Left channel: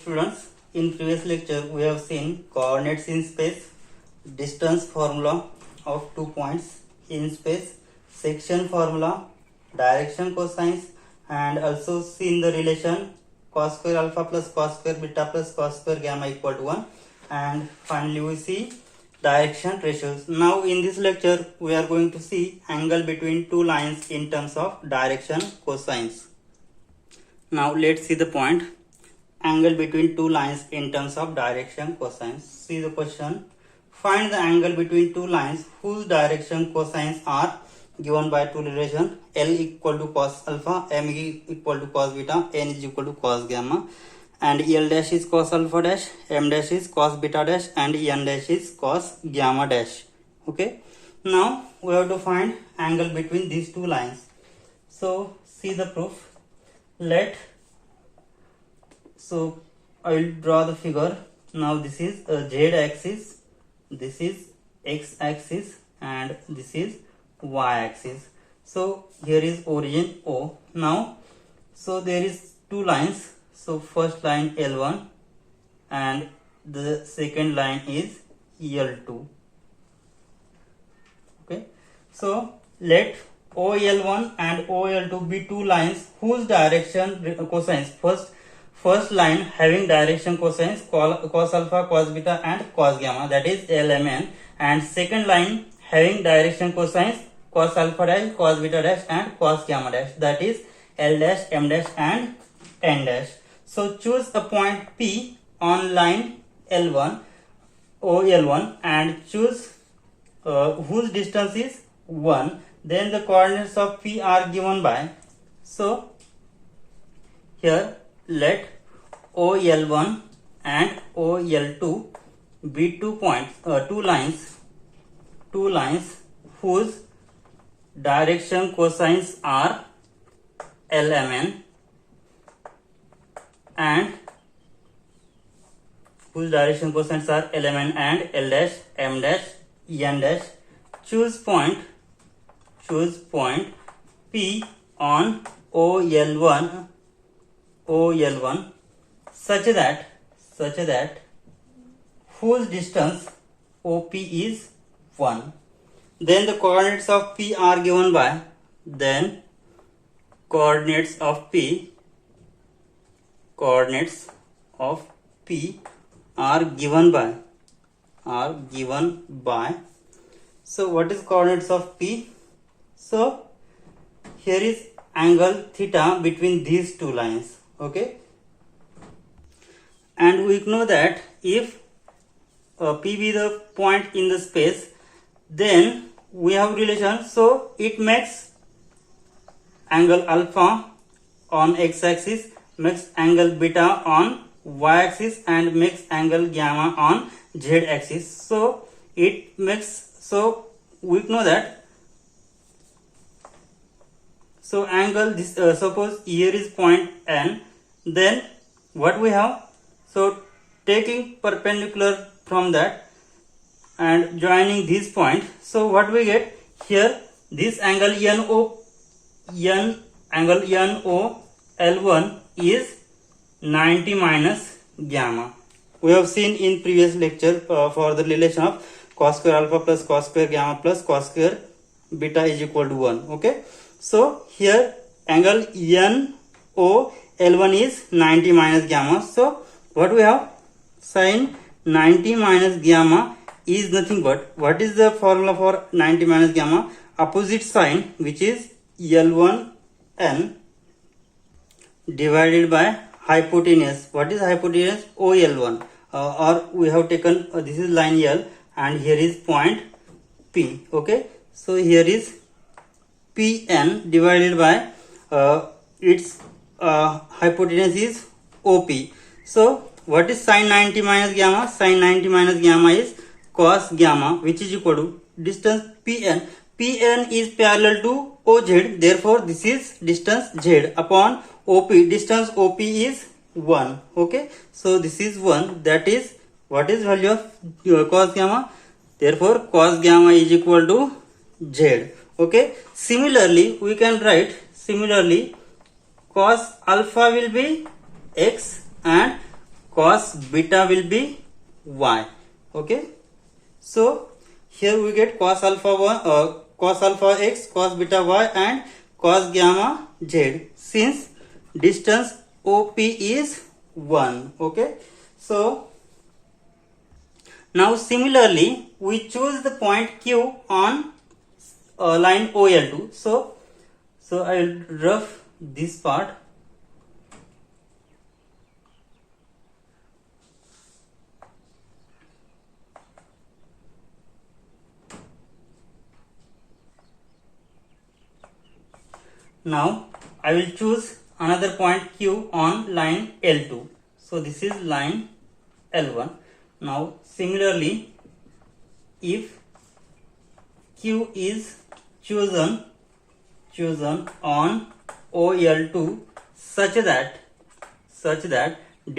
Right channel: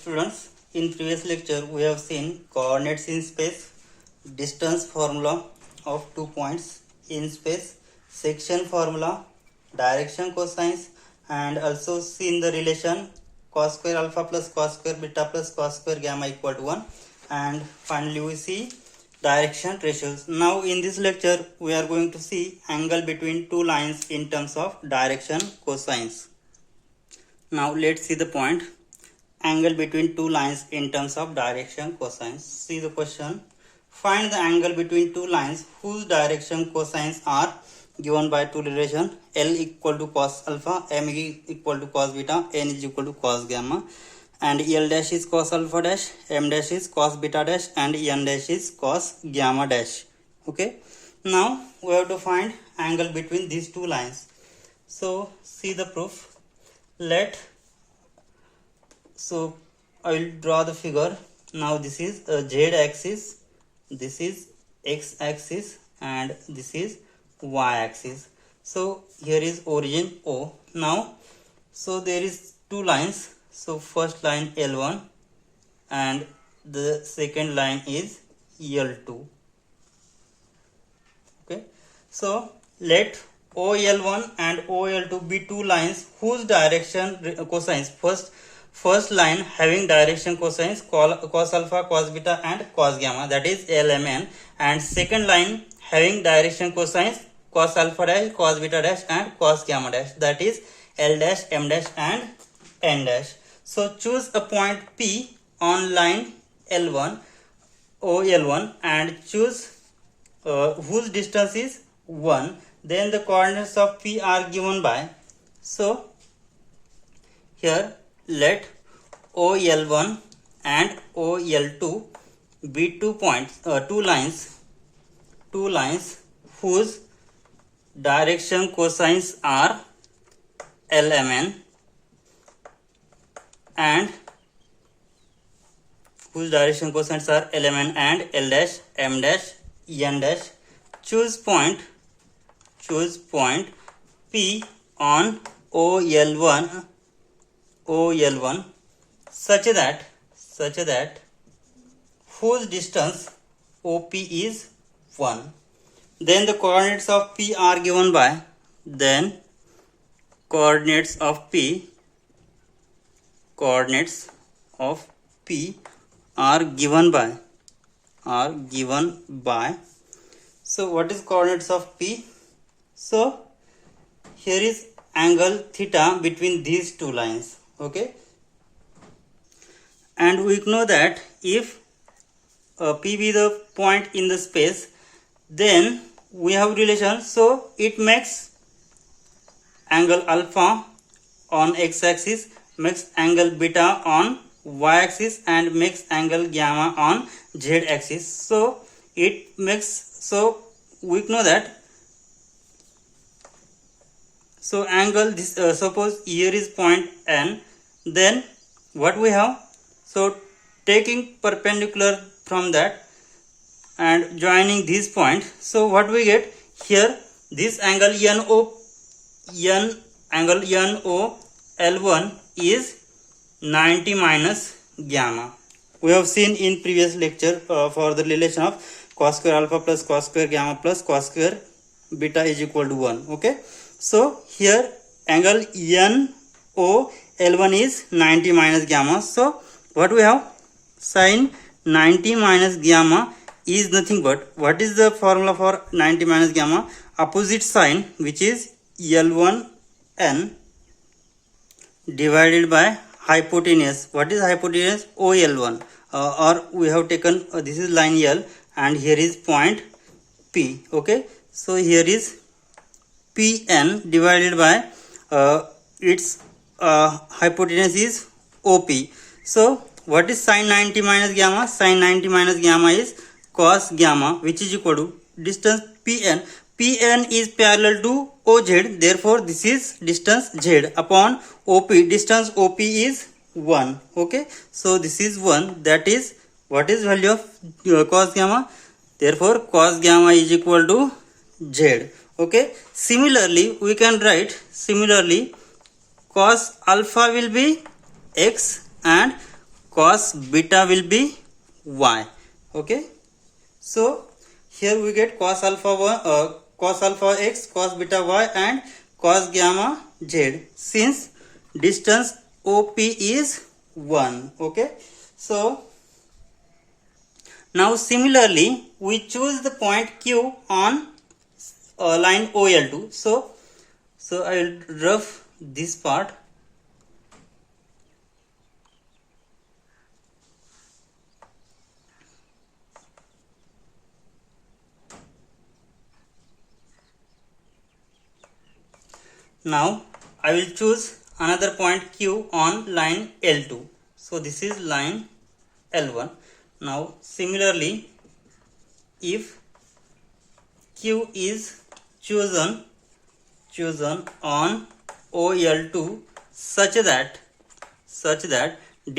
students, in previous lecture we have seen coordinates in space, distance formula of 2 points in space, section formula, direction cosines, and also seen the relation cos square alpha plus cos square beta plus cos square gamma equal to 1, and finally we see direction ratios. Now in this lecture we are going to see angle between two lines in terms of direction cosines. Now let's see the point. Angle between two lines in terms of direction cosines. See the question. Find the angle between two lines whose direction cosines are given by two relation L equal to cos alpha, M equal to cos beta, N is equal to cos gamma, and L dash is cos alpha dash, M dash is cos beta dash, and N dash is cos gamma dash. Okay. Now we have to find angle between these two lines. So see the proof. So I will draw the figure. Now this is Z axis, this is X axis, and this is Y axis. So here is origin O. Now so there is two lines. So first line L1 and the second line is L2. Okay. So let OL1 and OL2 be two lines whose direction cosines. First line having direction cosines cos alpha, cos beta, and cos gamma, that is LMN, and second line having direction cosines cos alpha dash, cos beta dash, and cos gamma dash, that is L dash, M dash, and N dash. So choose a point P on line L1 OL1 and choose whose distance is 1. Then the coordinates of P are given by, so here let OL1 and OL2 be two lines whose direction cosines are LMN and whose direction cosines are LMN and L dash, M dash, N dash. Choose point P on OL1 such that whose distance OP is 1. Then the coordinates of P are given by, then coordinates of P are given by. So what is coordinates of P? So here is angle theta between these two lines. Okay, and we know that if P be the point in the space, then we have relation, so it makes angle alpha on x axis, makes angle beta on y axis, and makes angle gamma on z axis. So it makes, so we know that, so angle this suppose here is point N, then what we have, so taking perpendicular from that and joining this point, so what we get here, this angle NO L1 is 90 minus gamma. We have seen in previous lecture for the relation of cos square alpha plus cos square gamma plus cos square beta is equal to 1. Okay, so here angle NO L1 is 90 minus gamma. So what we have, sin 90 minus gamma is nothing but, what is the formula for 90 minus gamma? Opposite sign, which is L1N divided by hypotenuse. What is hypotenuse? OL1, or we have taken this is line L and here is point P. Okay, so here is PN divided by its hypotenuse is OP. So what is sin 90 minus gamma? Sin 90 minus gamma is cos gamma, which is equal to distance PN. PN is parallel to OZ, therefore this is distance Z upon OP. Distance OP is 1. Okay, so this is 1. That is, what is value of cos gamma? Therefore cos gamma is equal to Z. Okay, similarly we can write, cos alpha will be x and cos beta will be y. Okay, so here we get cos alpha cos alpha x, cos beta y, and cos gamma z, since distance OP is 1. Okay, so now similarly we choose the point Q on line OL2. So I will rough this part. Now I will choose another point Q on line L2. So this is line L1. Now similarly, if Q is chosen on OL2 such that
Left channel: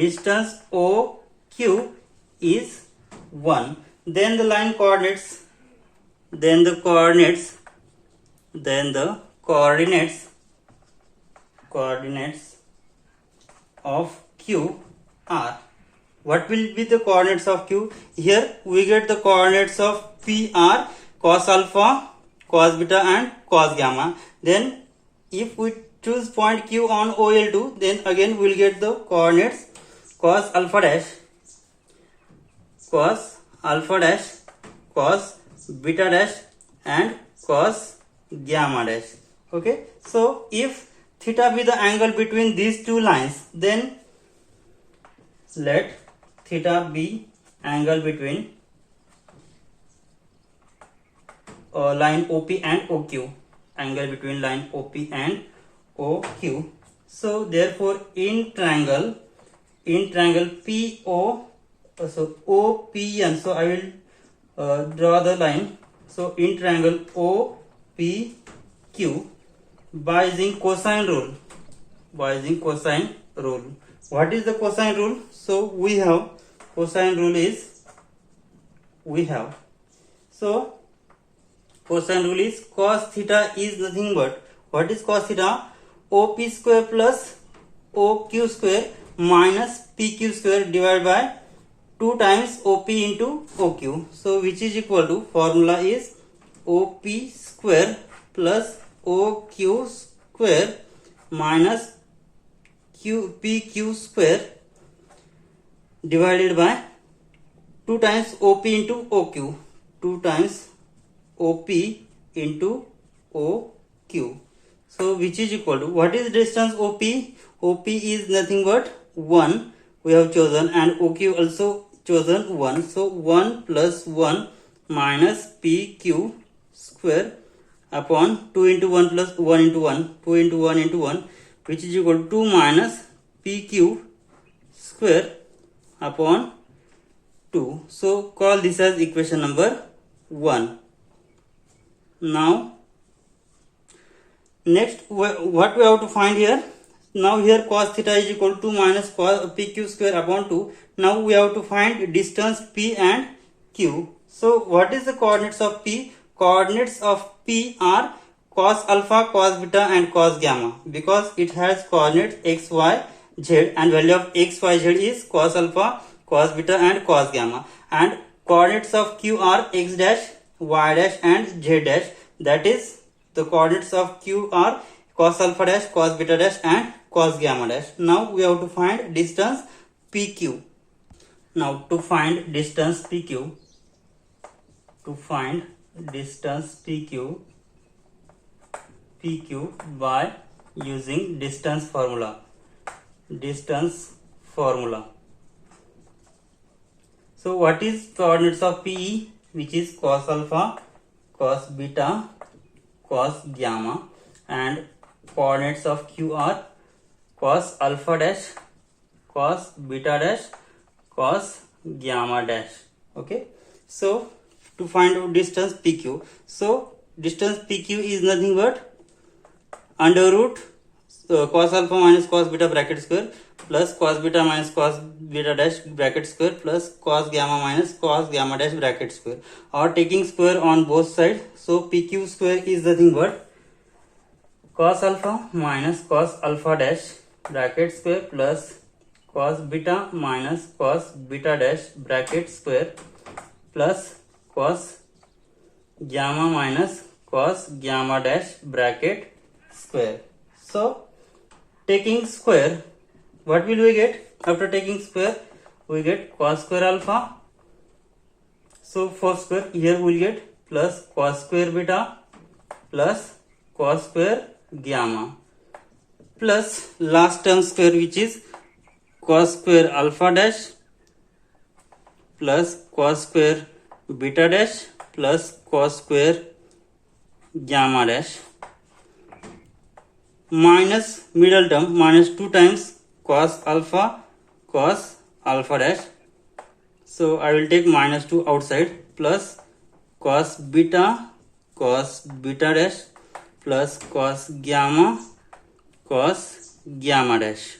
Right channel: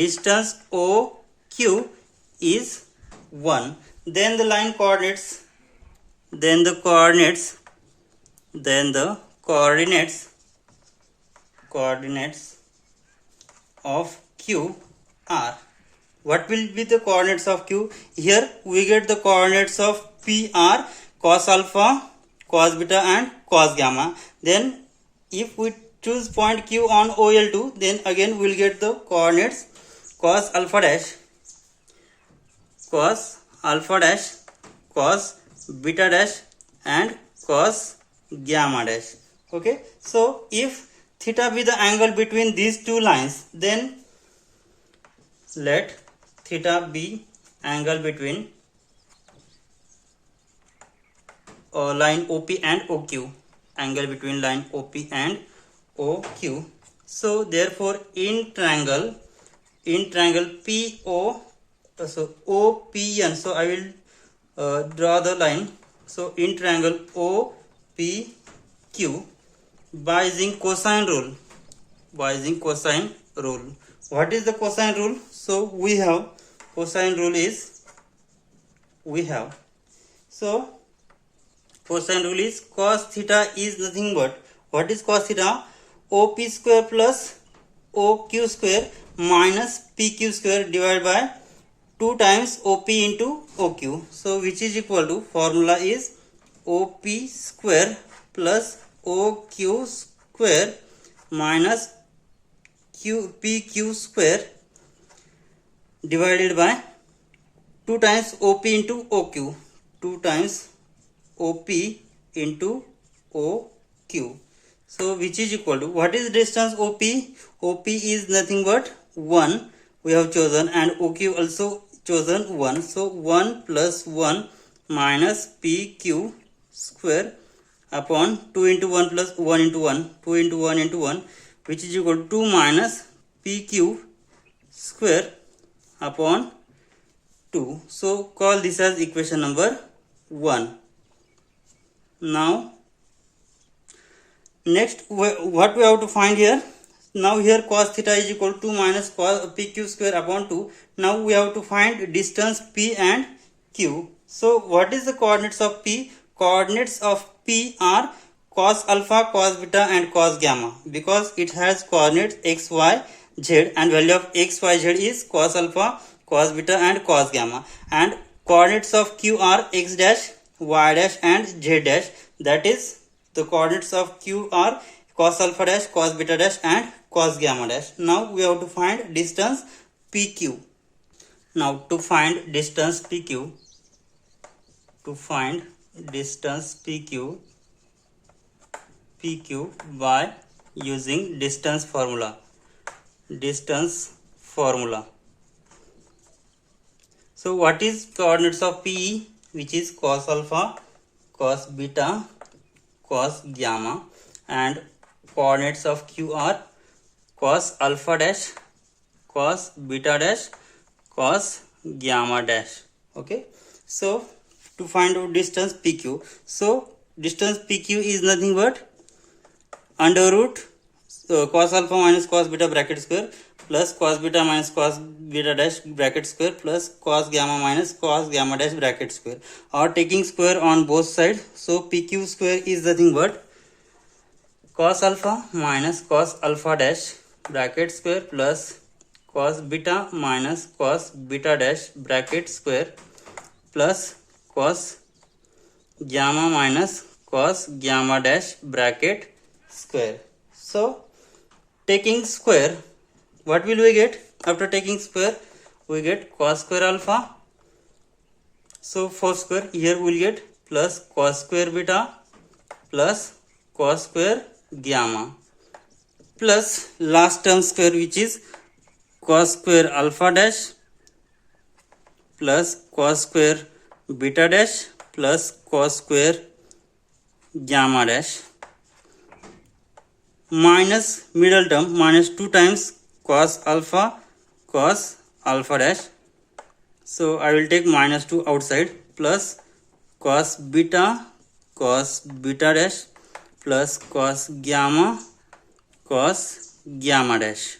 distance OQ is 1, then the line coordinates of Q are. What will be the coordinates of Q? Here we get the coordinates of P are cos alpha, cos beta, and cos gamma. Then if we choose point Q on OL2, then again we will get the coordinates cos alpha dash, cos beta dash, and cos gamma dash. Okay, so if theta be the angle between these two lines, then let theta be angle between line OP and OQ, angle between line OP and OQ. So therefore in triangle PO, so OPN, so I will draw the line. So in triangle OPQ, by using cosine rule. What is the cosine rule? So we have cosine rule is cos theta is nothing but, what is cos theta? OP square plus OQ square minus PQ square divided by 2 times OP into OQ. So which is equal to, formula is OP square plus OQ square minus PQ square divided by 2 times OP into OQ. 2 times OP into OQ. So which is equal to, what is distance OP? OP is nothing but 1 we have chosen, and OQ also chosen 1. So 1 plus 1 minus PQ square upon 2 into 1 plus 1 into 1, 2 into 1 into 1, which is equal to 2 minus PQ square upon 2. So call this as equation number 1. Now next what we have to find here? Now here cos theta is equal to 2 minus PQ square upon 2. Now we have to find distance P and Q. So what is the coordinates of P? Coordinates of P are cos alpha, cos beta, and cos gamma, because it has coordinates x, y, z, and value of x, y, z is cos alpha, cos beta, and cos gamma. And coordinates of Q are x dash, y dash, and z dash. That is, the coordinates of Q are cos alpha dash, cos beta dash, and cos gamma dash. Now we have to find distance PQ. Now to find distance PQ, by using distance formula. So what is coordinates of PE? Which is cos alpha, cos beta, cos gamma, and coordinates of Q are cos alpha dash, cos beta dash, cos gamma dash. Okay, so to find out distance PQ, so distance PQ is nothing but under root cos alpha minus cos beta bracket square plus cos beta minus cos beta dash bracket square plus cos gamma minus cos gamma dash bracket square, or taking square on both sides. So PQ square is nothing but cos alpha minus cos alpha dash bracket square plus cos beta minus cos beta dash bracket square plus cos gamma minus cos gamma dash bracket square. So taking square, what will we get? After taking square, we get cos square alpha. So for square, here we will get plus cos square beta plus cos square gamma plus last term square, which is cos square alpha dash plus cos square beta dash plus cos square gamma dash minus middle term minus 2 times cos alpha dash. So I will take minus 2 outside plus cos beta dash plus cos gamma dash.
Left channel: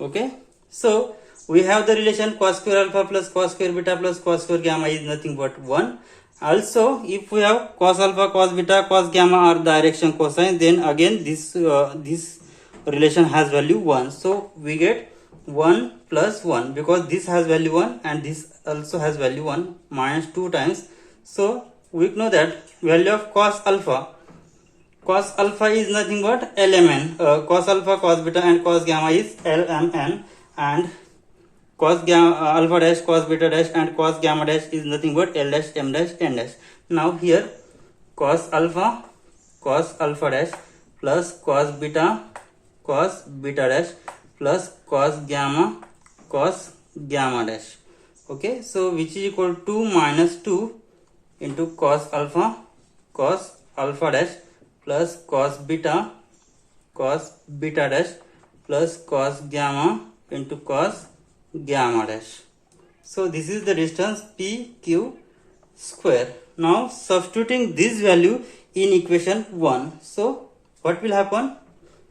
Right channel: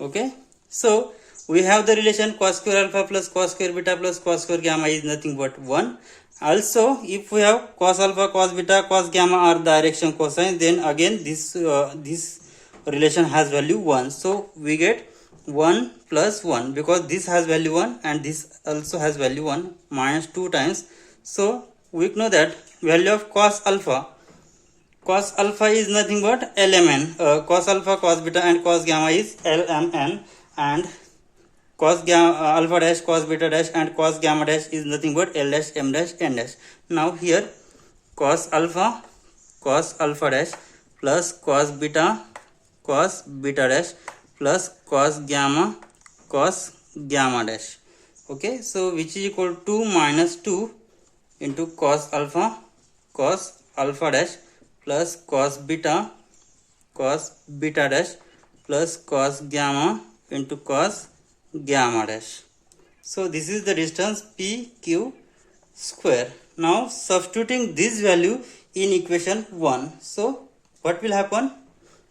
Okay, so we have the relation cos square alpha plus cos square beta plus cos square gamma is nothing but 1. Also, if we have cos alpha, cos beta, cos gamma are direction cosine, then again this relation has value 1. So we get 1 plus 1 because this has value 1 and this also has value 1 minus 2 times. So we know that value of cos alpha is nothing but lmn. Cos alpha, cos beta and cos gamma is lmn, and cos gamma alpha dash, cos beta dash and cos gamma dash is nothing but l dash, m dash, n dash. Now here cos alpha dash plus cos beta dash plus cos gamma dash. Okay, so which is equal to minus 2 into cos alpha dash plus cos beta dash plus cos gamma into cos gamma dash. So this is the distance PQ square. Now substituting this value in equation 1. So what will happen?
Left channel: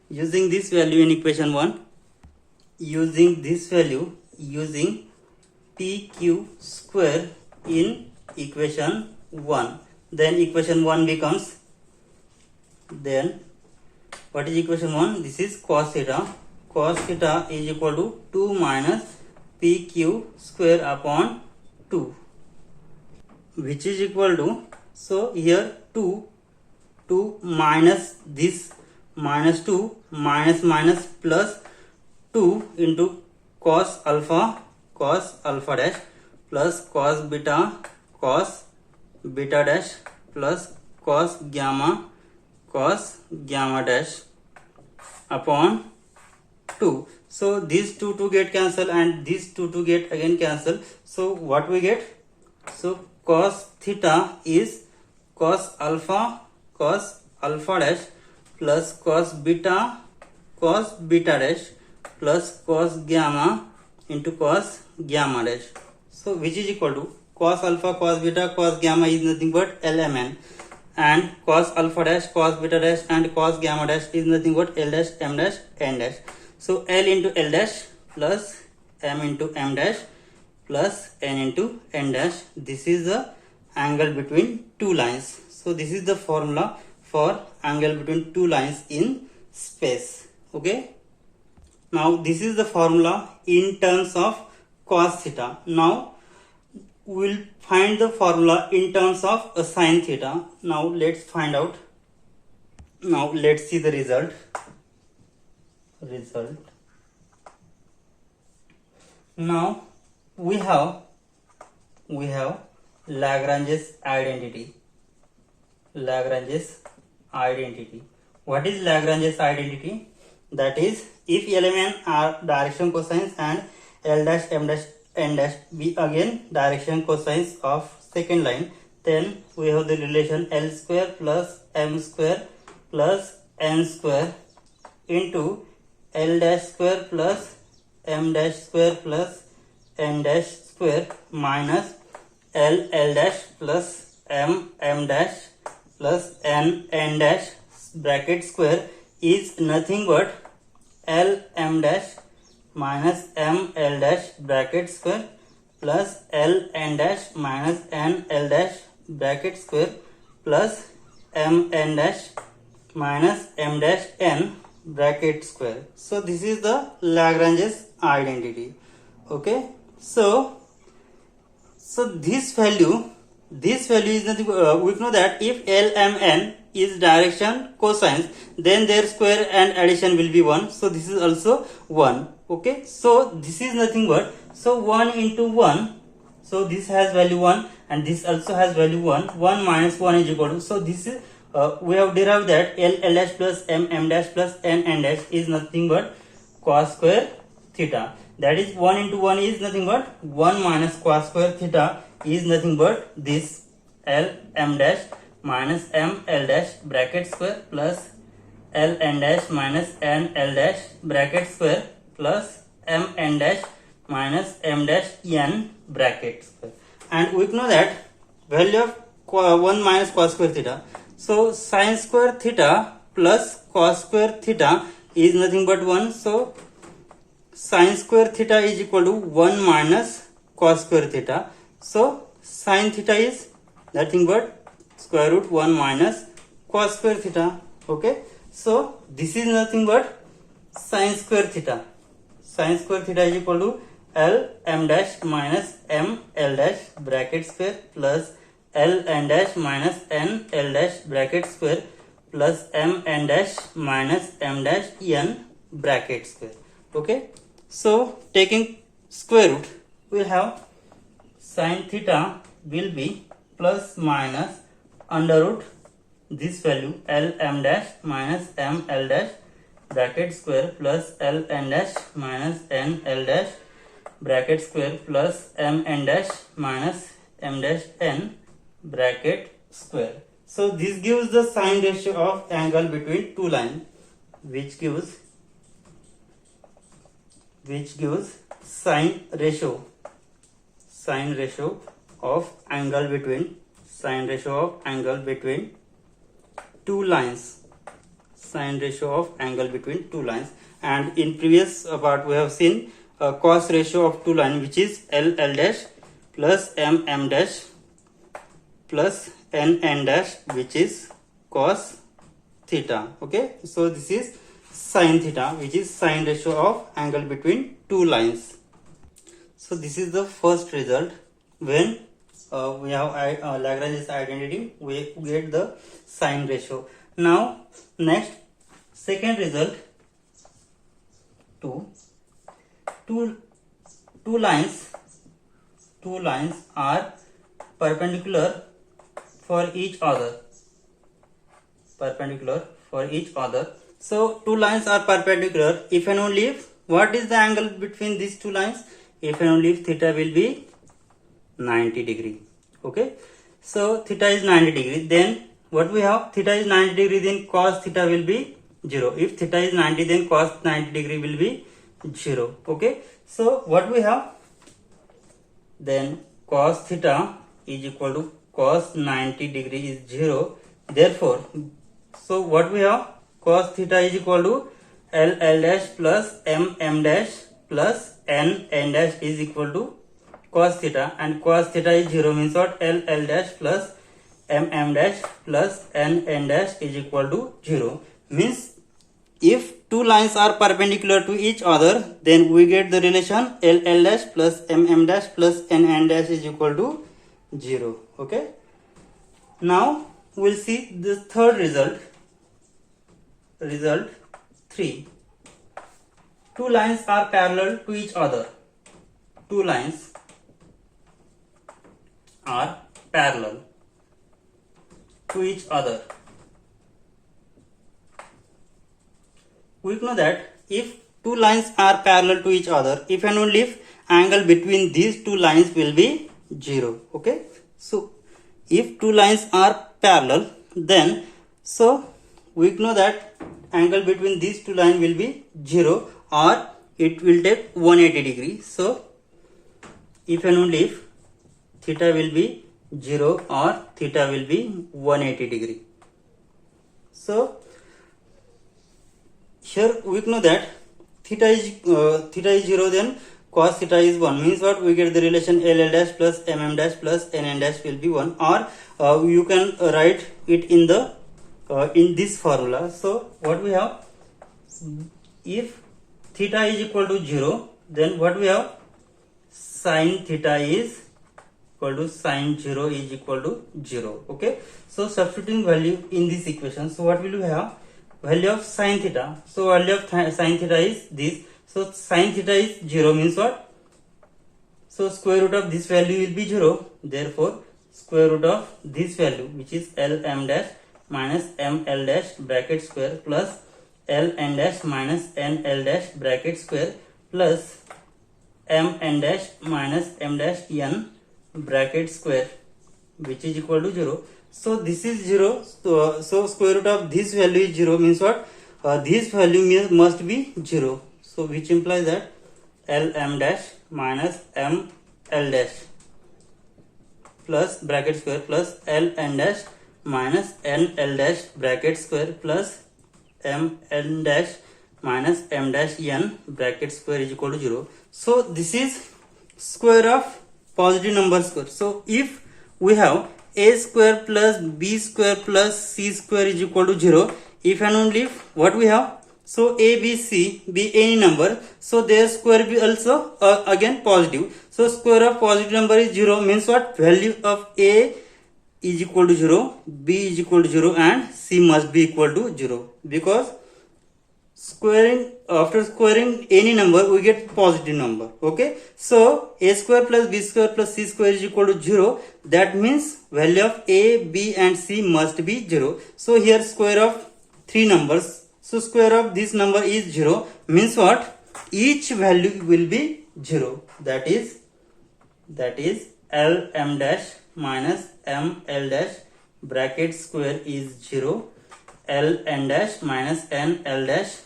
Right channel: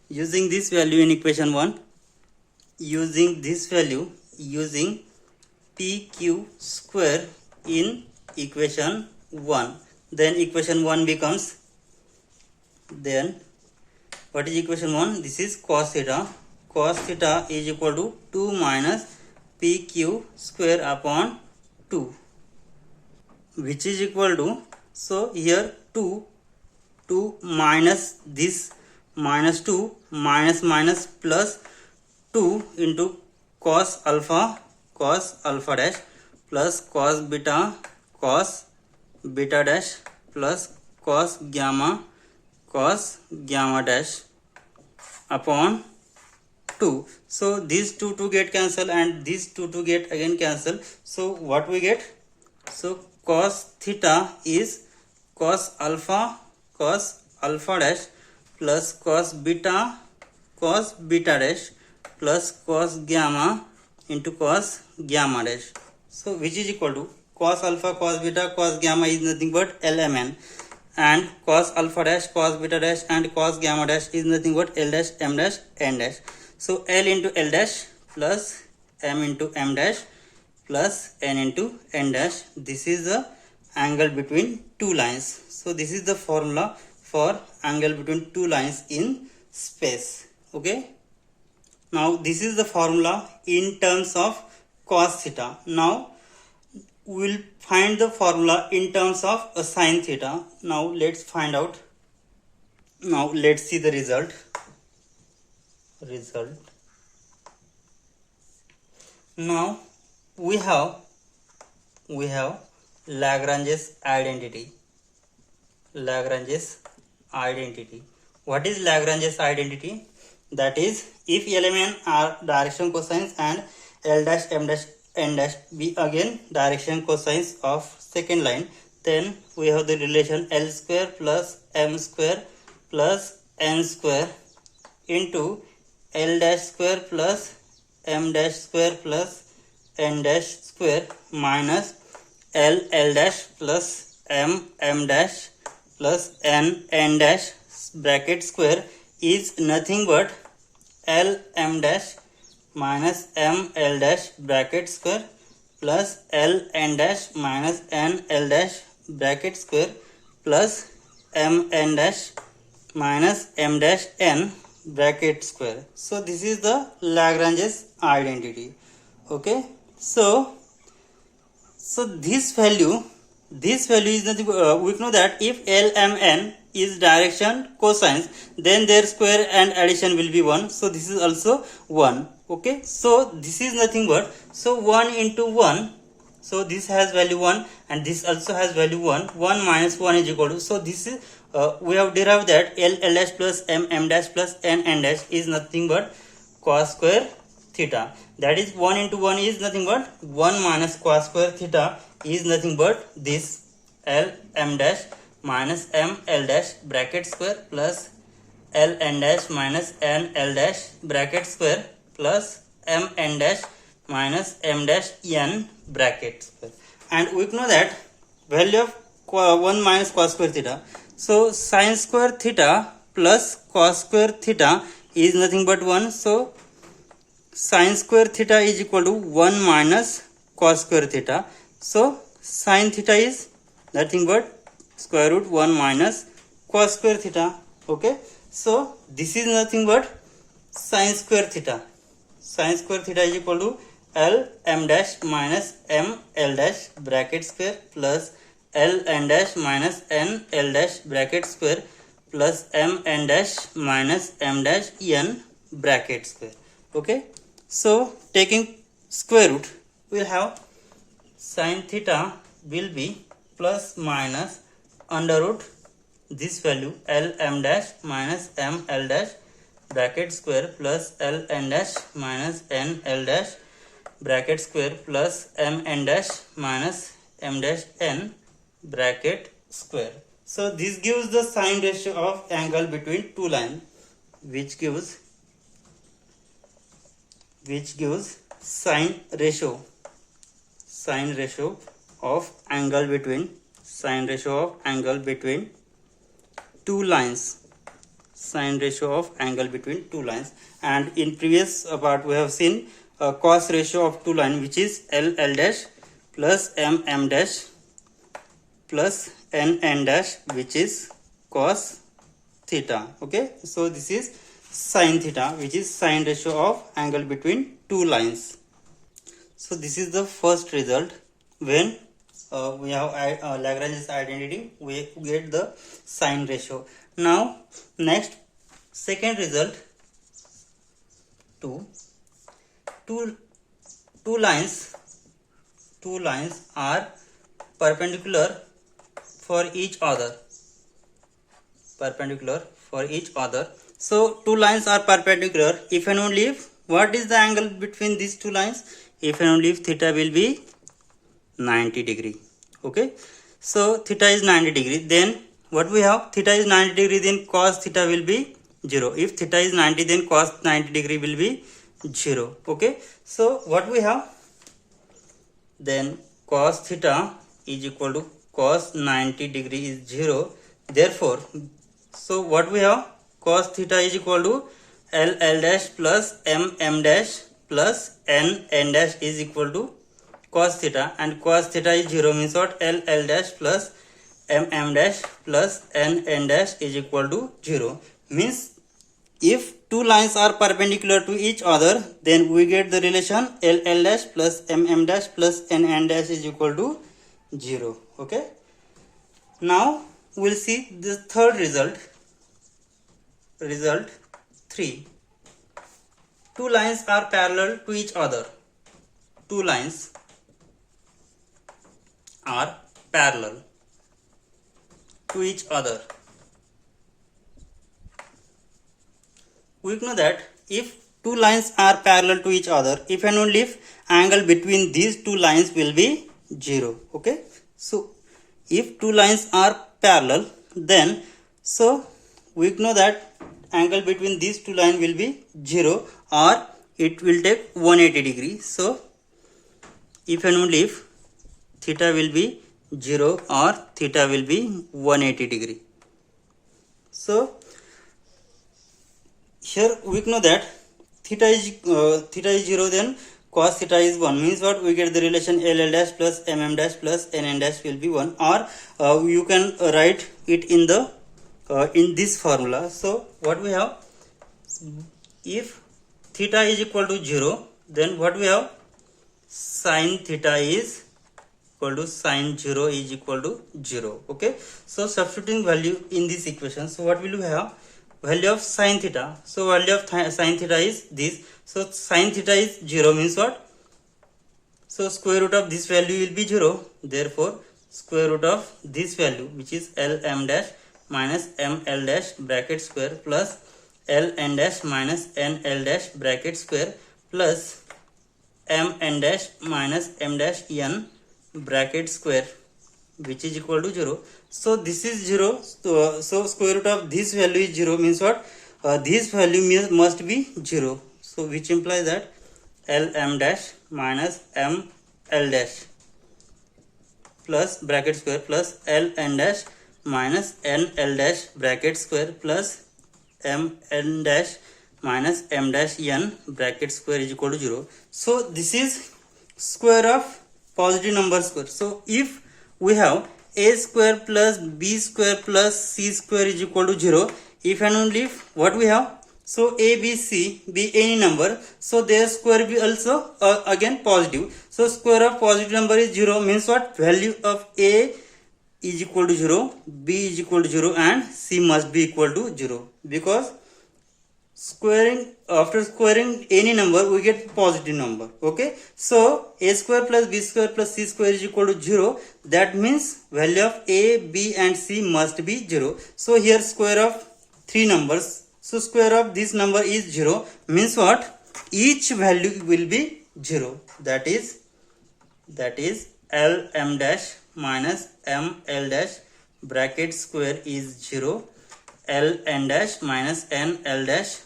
Using this value in equation 1, using this value, using PQ square in equation 1, then equation 1 becomes, then what is equation 1? This is cos theta. Cos theta is equal to 2 minus PQ square upon 2, which is equal to, so here 2 minus this minus 2 minus plus 2 into cos alpha dash plus cos beta dash plus cos gamma dash upon 2. So these two get cancel and these two get again cancel. So what we get? So cos theta is cos alpha dash plus cos beta dash plus cos gamma into cos gamma dash. So which is equal to cos alpha, cos beta, cos gamma is nothing but lmn, and cos alpha dash, cos beta dash and cos gamma dash is nothing but l dash, m dash, n dash. So l into l dash plus m into m dash plus n into n dash. This is the angle between two lines. So this is the formula for angle between two lines in space. Okay. Now this is the formula in terms of cos theta. Now we will find the formula in terms of sin theta. Now let's find out. Now let's see the result. Now we have Lagrange's identity. What is Lagrange's identity? That is, if LMN are direction cosines and L dash, M dash, N dash be again direction cosines of second line, then we have the relation L square plus M square plus N square into L dash square plus M dash square plus N dash square minus L dash plus M dash plus N dash bracket square is nothing but L M dash minus M L dash bracket square plus L N dash minus N L dash bracket square plus M N dash minus M dash N bracket square. So this is the Lagrange's identity. Okay, so this value is nothing. We know that if LMN is direction cosines, then their square and addition will be 1. So this is also 1. Okay, so this is nothing but, so 1 into 1. So this has value 1 and this also has value 1. 1 minus 1 is equal to, so this is we have derived that L dash plus M dash plus N dash is nothing but cos square theta. That is 1 into 1 is nothing but 1 minus cos square theta is nothing but this L M dash minus M L dash bracket square plus L N dash minus N L dash bracket square plus M N dash minus M dash N bracket square. And we know that value of 1 minus cos square theta. So sin square theta plus cos square theta is nothing but 1. So sin square theta is equal to 1 minus cos square theta. So sin theta is nothing but square root 1 minus cos square theta. Okay, so this is nothing but sin square theta. Sin square theta is equal to L M dash minus M L dash bracket square plus L N dash minus N L dash bracket square plus M N dash minus M dash N bracket square. Okay, so taking square root, we'll have sin theta will be plus minus under root this value L M dash minus M L dash bracket square plus L N dash minus N L dash bracket square plus M N dash minus M dash N bracket square. So this gives the sine ratio of angle between two lines, which gives sine ratio of angle between two lines. Sine ratio of angle between two lines. And in previous part we have seen cos ratio of two lines, which is L L dash plus M M dash plus N N dash, which is cos theta. Okay, so this is sin theta, which is sine ratio of angle between two lines. So this is the first result. When we have Lagrange's identity, we get the sine ratio. Now next, second result, two lines are perpendicular for each other. So two lines are perpendicular. If and only if, what is the angle between these two lines? If and only if theta will be 90 degree. Okay, so theta is 90 degree, then what we have, theta is 90 degree, then cos theta will be 0. If theta is 90, then cos 90 degree will be 0. Okay, so what we have, then cos theta is equal to cos 90 degree is 0. Therefore, so what we have, cos theta is equal to L L dash plus M M dash plus N N dash is equal to cos theta, and cos theta is 0 means what, L L dash plus M M dash plus N N dash is equal to 0. Means if two lines are perpendicular to each other, then we get the relation L L dash plus M M dash plus N N dash is equal to 0. Okay, now we'll see the third result. Result 3. Two lines are parallel to each other. Two lines are parallel to each other. We know that if two lines are parallel to each other, if and only if angle between these two lines will be 0. Okay, so if two lines are parallel, then so we know that angle between these two lines will be 0 or it will take 180 degree. So if and only if theta will be 0 or theta will be 180 degree. So here we know that theta is 0, then cos theta is 1, means what, we get the relation L L dash plus M M dash plus N N dash will be 1, or you can write it in the in this formula. So what we have, If theta is equal to 0, then what we have? Sin theta is equal to sin 0 is equal to 0. Okay, so substituting value in this equation, so what will you have? Value of sin theta. So value of sin theta is this. So sin theta is 0 means what? So square root of this value will be 0. Therefore square root of this value, which is L m dash minus m L dash bracket square plus L n dash minus n L dash bracket square plus m n dash minus m dash n bracket square, which is equal to 0. So this is 0. So square root of this value is 0 means what? This value must be 0. So which implies that L m dash minus m L dash plus bracket square plus L n dash minus n L dash bracket square plus m n dash minus m dash n bracket square is equal to 0. So this is square of positive number square. So if we have a square plus b square plus c square is equal to 0, if and only if what we have, so a b c be any number, so their square will be also again positive. So square of positive number is 0 means what? Value of a is equal to 0, b is equal to 0 and c must be equal to 0, because after squaring any number we get positive number. Okay, so a square plus b square plus c square is equal to 0. That means value of a, b and c must be 0. So here square of three numbers, so square of this number is 0 means what? Each value will be 0. That is L m dash minus m L dash bracket square is 0, L n dash minus n L dash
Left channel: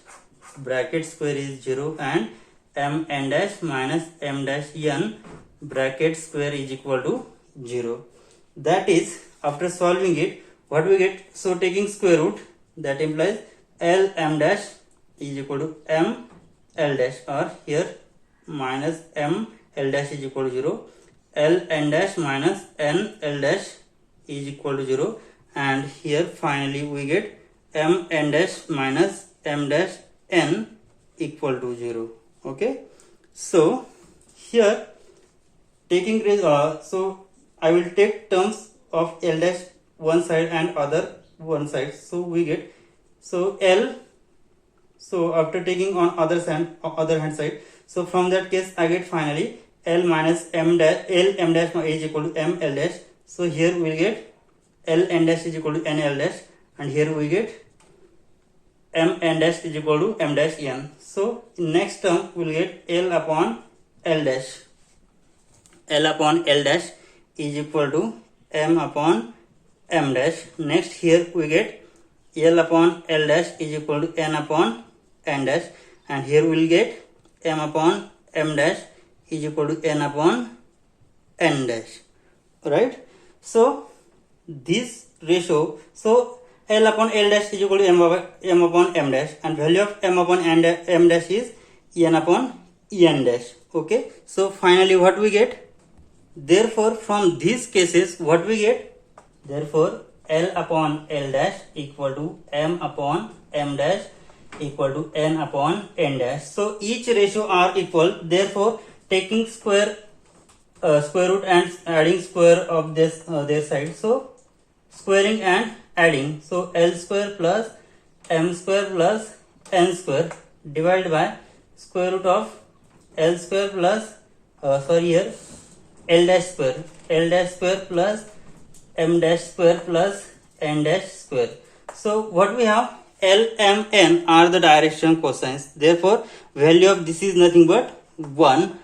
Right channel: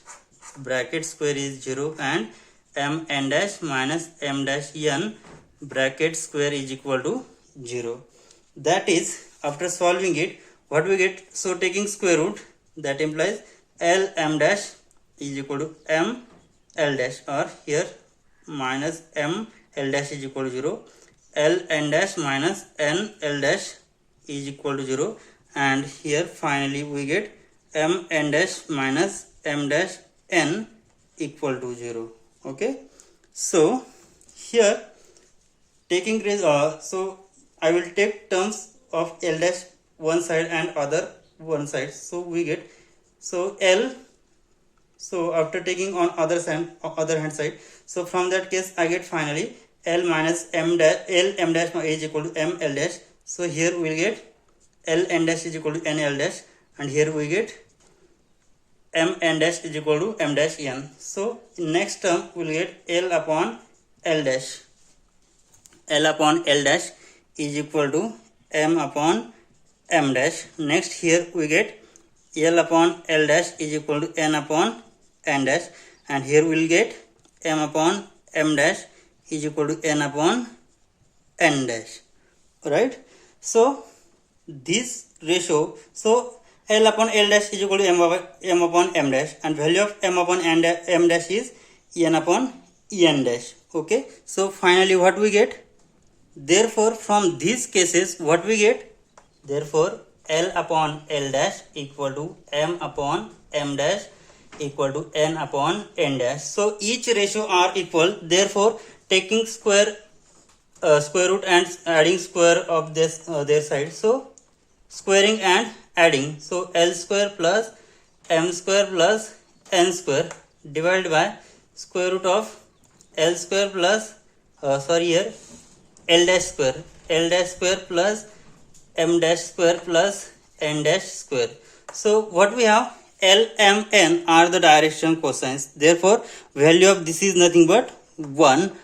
bracket square is 0 and m n dash minus m dash n bracket square is equal to 0. That is, after solving it, what we get? So taking square root, that implies L m dash is equal to m L dash, or here minus m L dash is equal to 0, L n dash minus n L dash is equal to 0, and here finally we get m n dash minus m dash n equal to 0. Okay, so here taking so I will take terms of L dash one side and other one side, so we get, so L, so after taking on other hand side, so from that case I get finally L minus m dash, L m dash is equal to m L dash. So here we get L n dash is equal to n L dash, and here we get m n dash is equal to m dash n. So in next term we will get L upon L dash. L upon L dash is equal to m upon m dash. Next here we get L upon L dash is equal to n upon n dash, and here we will get m upon m dash is equal to n upon n dash. Right? So this ratio, so L upon L dash is equal to m upon m dash, and value of m upon m dash is n upon n dash. Okay, so finally what we get? Therefore from these cases what we get? Therefore L upon L dash equal to m upon m dash equal to n upon n dash. So each ratio are equal. Therefore taking square root and adding square of this their side, so squaring and adding, so L square plus m square plus n square divided by square root of L square plus here L dash square plus m dash square plus n dash square. So what we have? L m n are the direction cosines. Therefore value of this is nothing but 1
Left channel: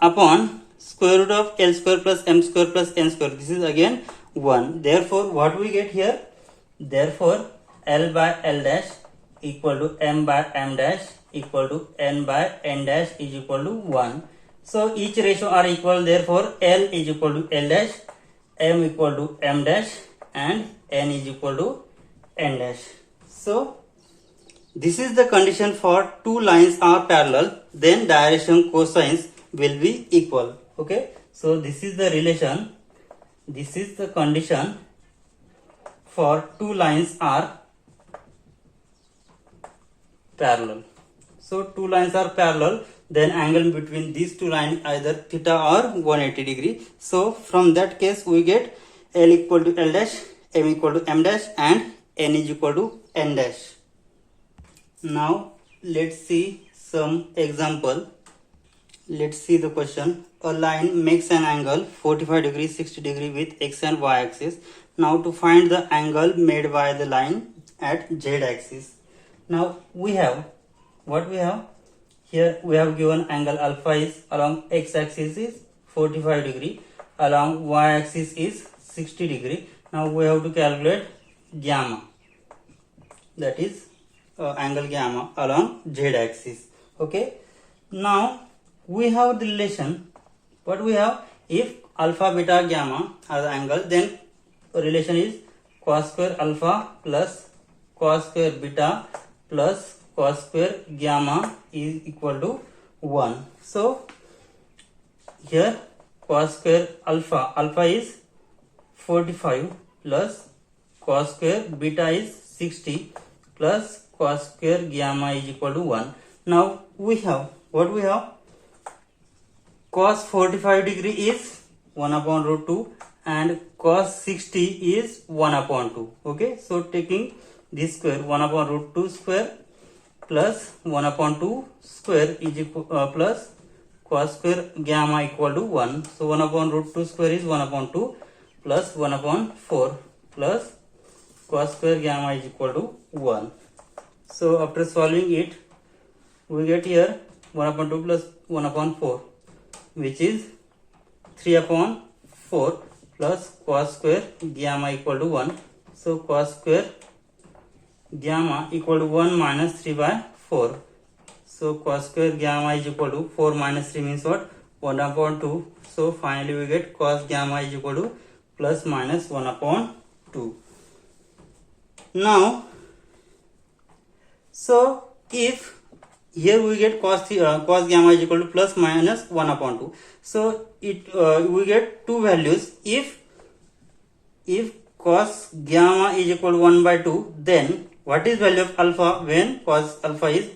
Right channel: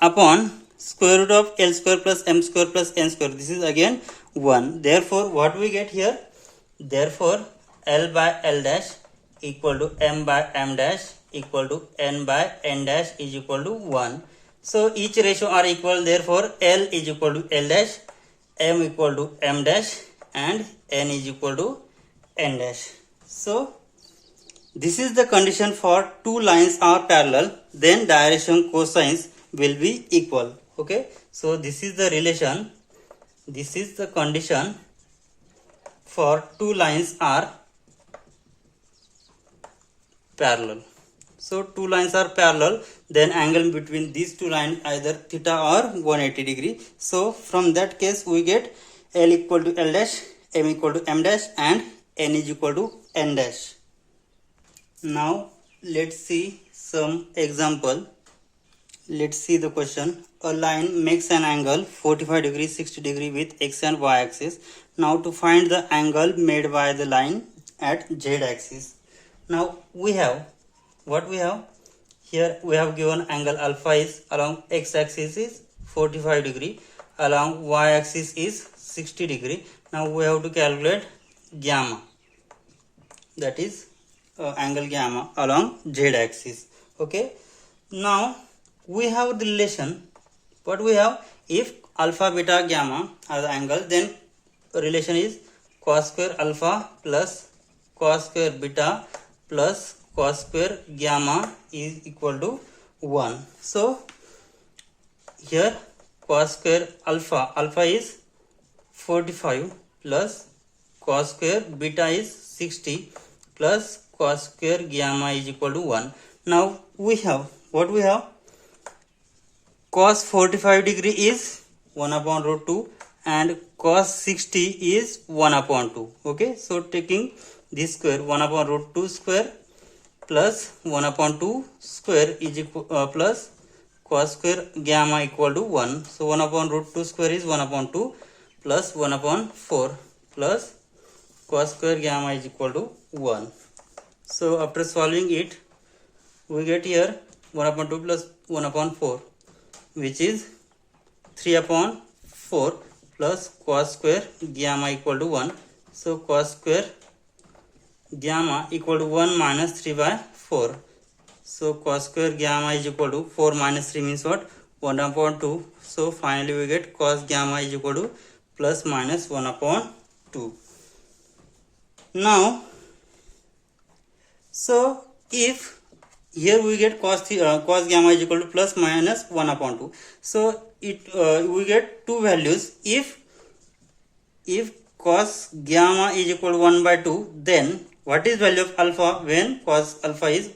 upon square root of L square plus m square plus n square. This is again 1. Therefore what we get here? Therefore L by L dash equal to m by m dash equal to n by n dash is equal to 1. So each ratio are equal. Therefore L is equal to L dash, m equal to m dash, and n is equal to n dash. So this is the condition for two lines are parallel, then direction cosines will be equal. Okay, so this is the relation, this is the condition for two lines are parallel. So two lines are parallel, then angle between these two lines either theta or 180 degree. So from that case we get L equal to L dash, M equal to M dash, and N is equal to N dash. Now let's see some example. Let's see the question. A line makes an angle 45 degree, 60 degree with x and y axis. Now to find the angle made by the line at z axis. Now we have what we have here. We have given angle alpha is along x axis is 45 degree, along y axis is 60 degree. Now we have to calculate gamma, that is angle gamma along z axis. Okay, now we have the relation. What we have, if alpha beta gamma are the angle, then relation is cos square alpha plus cos square beta plus cos square gamma is equal to 1. So here cos square alpha is 45 plus cos square beta is 60 plus cos square gamma is equal to 1. Now we have what we have, cos 45 degree is 1 upon root 2 and cos 60 is 1 upon 2. Okay, so taking this square, 1 upon root 2 square plus 1 upon 2 square is equal plus cos square gamma equal to 1. So 1 upon root 2 square is 1 upon 2 plus 1 upon 4 plus cos square gamma is equal to 1. So after solving it, we get here 1 upon 2 plus 1 upon 4, which is 3 upon 4 plus cos square gamma equal to 1. So cos square gamma equal to 1 minus 3 by 4. So cos square gamma is equal to 4 minus 3 means what? 1 upon 2. So finally we get cos gamma is equal to plus minus 1 upon 2. Now, so if here we get cos gamma is equal to plus minus 1 upon 2. So it we get two values. If cos gamma is equal to 1 by 2, then what is value of alpha when cos alpha is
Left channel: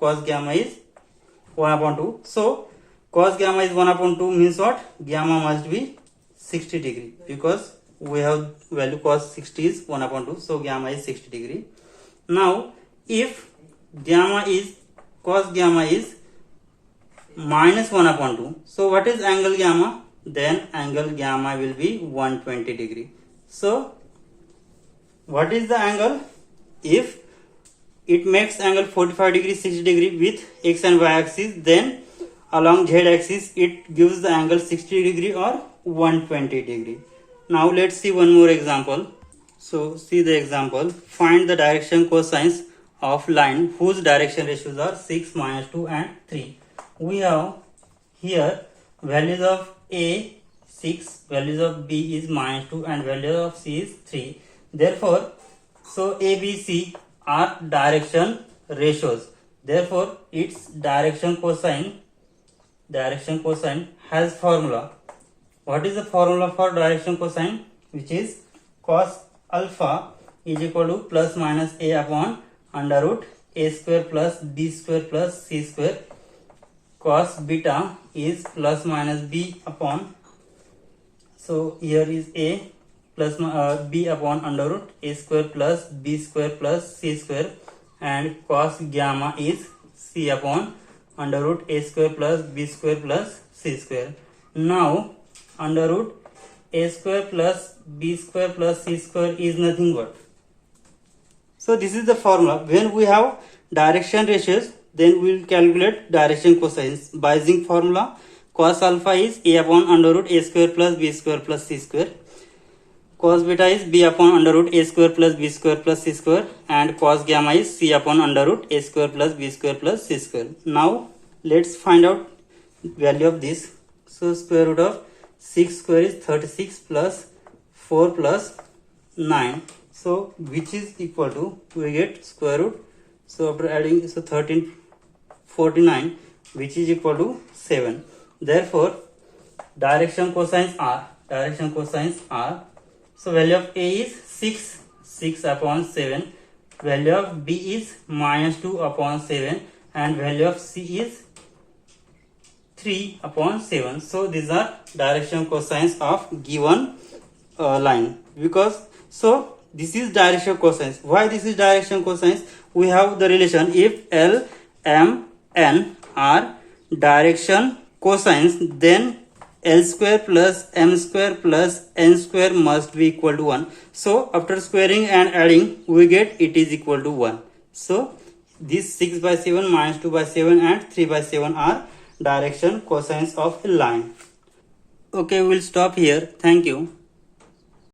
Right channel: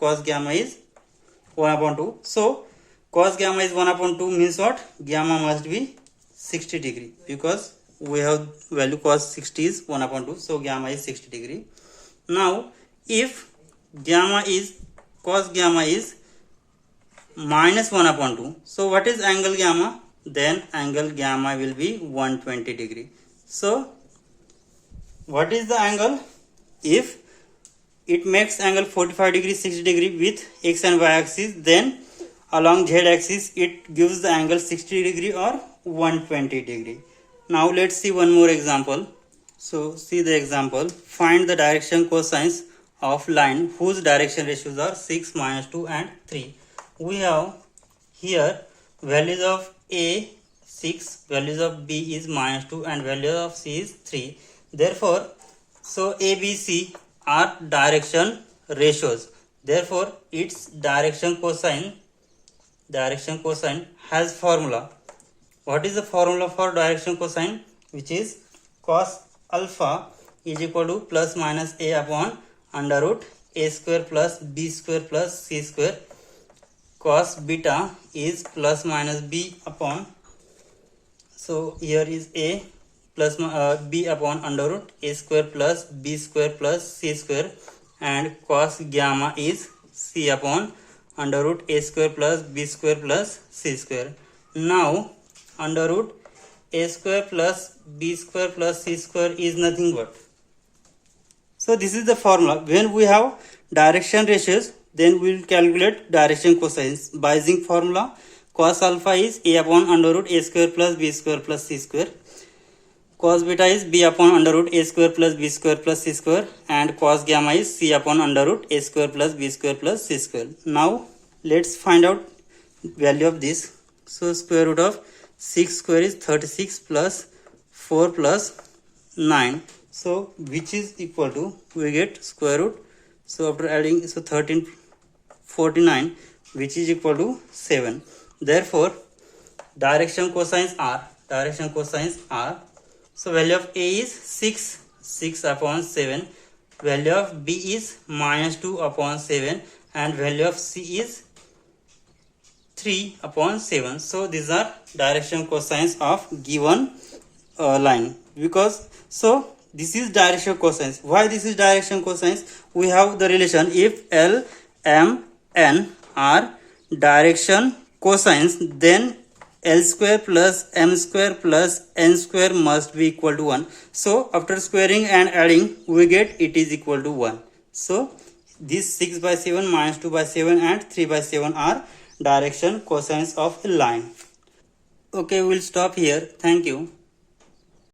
cos gamma is 1 upon 2. So cos gamma is 1 upon 2 means what? Gamma must be 60 degree, because we have value cos 60 is 1 upon 2. So gamma is 60 degree. Now if cos gamma is minus 1 upon 2. So what is angle gamma? Then angle gamma will be 120 degree. So what is the angle? If it makes angle 45 degree, 60 degree with x and y axis, then along z axis it gives the angle 60 degree or 120 degree. Now let's see one more example. So see the example. Find the direction cosines of line whose direction ratios are 6, minus 2 and 3. We have here values of A 6, values of B is minus 2 and value of C is 3. Therefore, so A, B, C are direction ratios. Therefore, its direction cosine has formula. What is the formula for direction cosine? Which is cos alpha is equal to plus minus A upon under root A square plus B square plus C square. Cos beta is plus minus B upon, so here is A plus B upon under root A square plus B square plus C square, and cos gamma is C upon under root A square plus B square plus C square. Now under root A square plus B square plus C square is nothing but. So this is the formula. When we have direction ratios, then we will calculate direction cosines by using formula. Cos alpha is A upon under root A square plus B square plus C square. Cos beta is B upon under root A square plus B square plus C square, and cos gamma is C upon under root A square plus B square plus C square. Now let's find out value of this. So square root of 6 square is 36 plus 4 plus 9. So which is equal to, we get square root. So after adding, so 1349, which is equal to 7. Therefore direction cosines are, so value of A is 6 upon 7 value of B is minus 2 upon 7 and value of C is 3 upon 7. So these are direction cosines of given line. Because so this is direction cosines. Why this is direction cosines? We have the relation if L, M, N are direction cosines, then L square plus M square plus N square must be equal to 1. So after squaring and adding, we get it is equal to 1. So this 6 by 7 minus 2 by 7 and 3 by 7 are direction cosines of a line. Okay, we'll stop here. Thank you.